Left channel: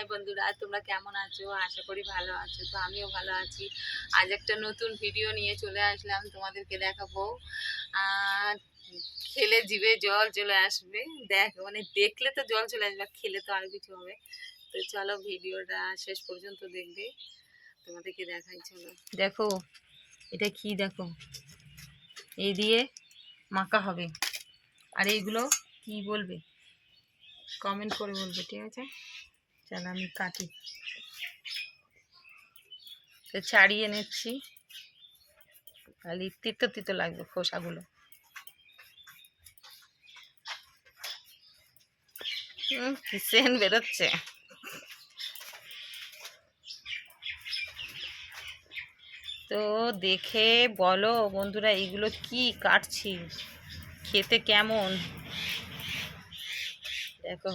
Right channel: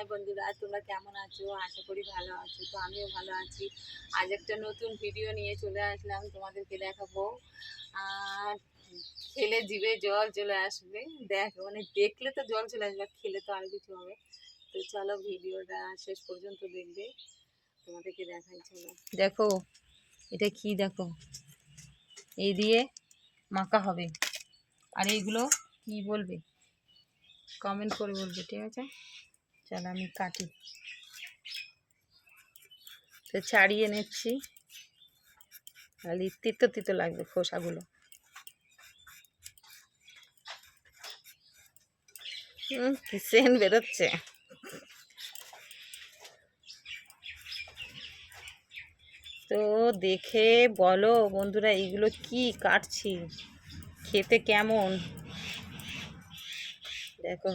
High বন্ধুরা, তোমরা কেমন আছো? আশা করি ভালো আছো, তো আমিও ভালো আছি। আজ একটা নতুন ভিডিও নিয়ে চলে আসলাম, তোমাদেরকে দেখাবো। খেলে জিভে জল চলে আসবে। দেখ মানে দেখলে তো জল চলে আসবে খেলে তো আরও কিছু হবে। তো চলো ভিডিওটা শেষ পর্যন্ত দেখবে। তোমাদেরকে দেখাই, চলো। দেখো, এটা কি দেখো? এই দিয়ে মাখা হবে। আর এইগুলো কি বলবে? কমেন্ট করে বলবে, ঠিক আছে? চলো আমি কাটি। তো ছাড়িয়ে নিচ্ছি। খালি তিতো তিতো লাগবে খোসাগুলো। সেন বেরোচ্ছে। তো দেখে বলো বন্ধুরা এইগুলো কি কাটছি? খেতে কেমন? দেখো।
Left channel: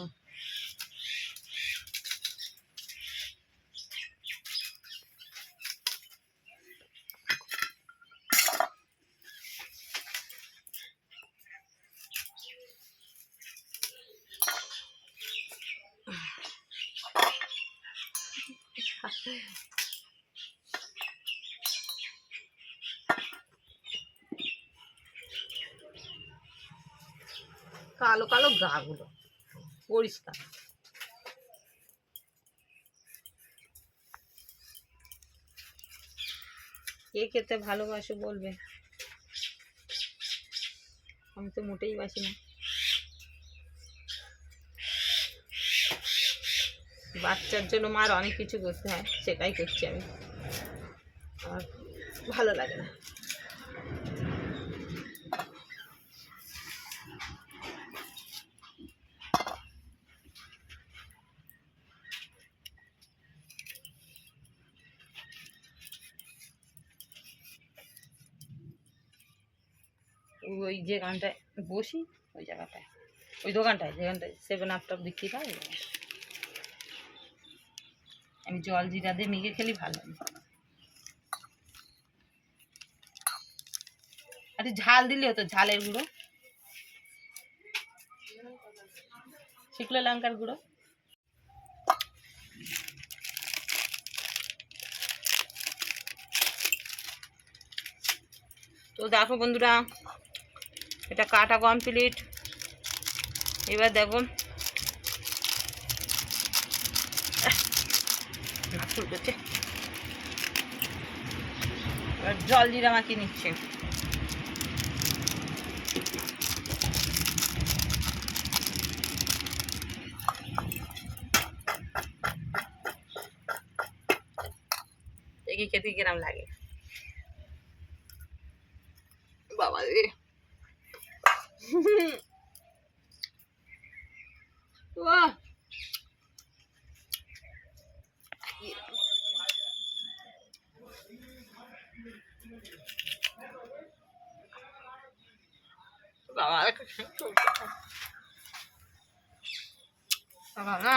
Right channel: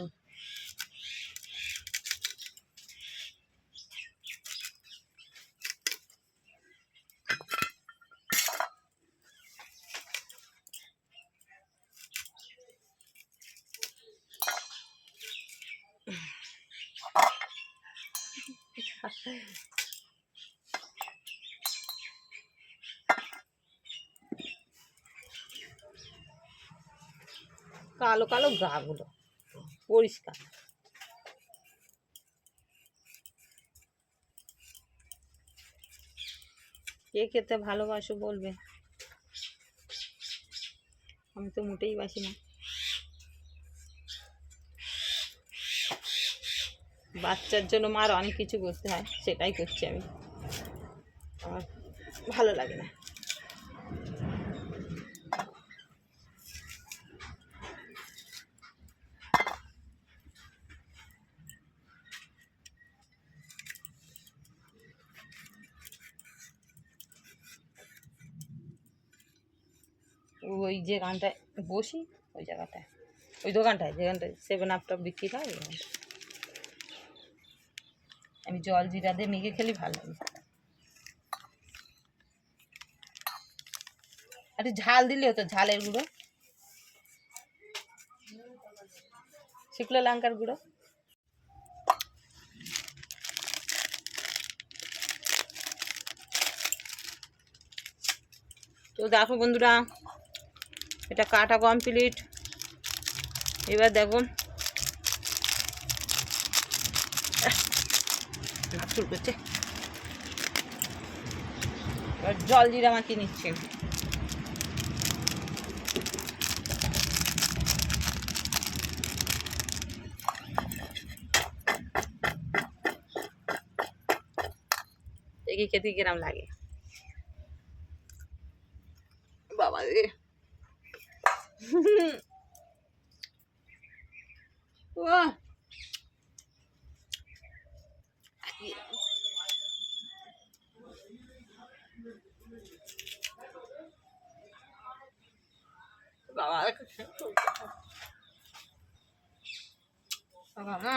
কালো কালো গাগুলো পরিষ্কার। কে খেতে ভালোবাসো বলবে? আমি তো মোটেই বাসি না। বাচ্চার জন্য মার অনেক কিছু করতে হয়, সেটাই করছি আমি আর ভালো লাগে না ওই যে গানটায় বসি, ওই জায়গাটায়, ওই দোকানটায়, যেখানটায় সেভেন আপটা বিক্রি হয়, ওই। আমি জল জিরা দিয়ে মেখে খেলি ভালো লাগে। আরে ঝাল দিলে হতো, ঝালের গুঁড়ো। শুকনো লঙ্কার গুঁড়ো। তো দেখো বন্ধুরা, এটা কাটা কমপ্লিট। এবার দেখো। চুলকোচ্ছে। এবার জল জিরা মাখিয়ে নিচ্ছে। খেতে কিরাম লাগে। বাবা রে। বাহ বাবা বাবা না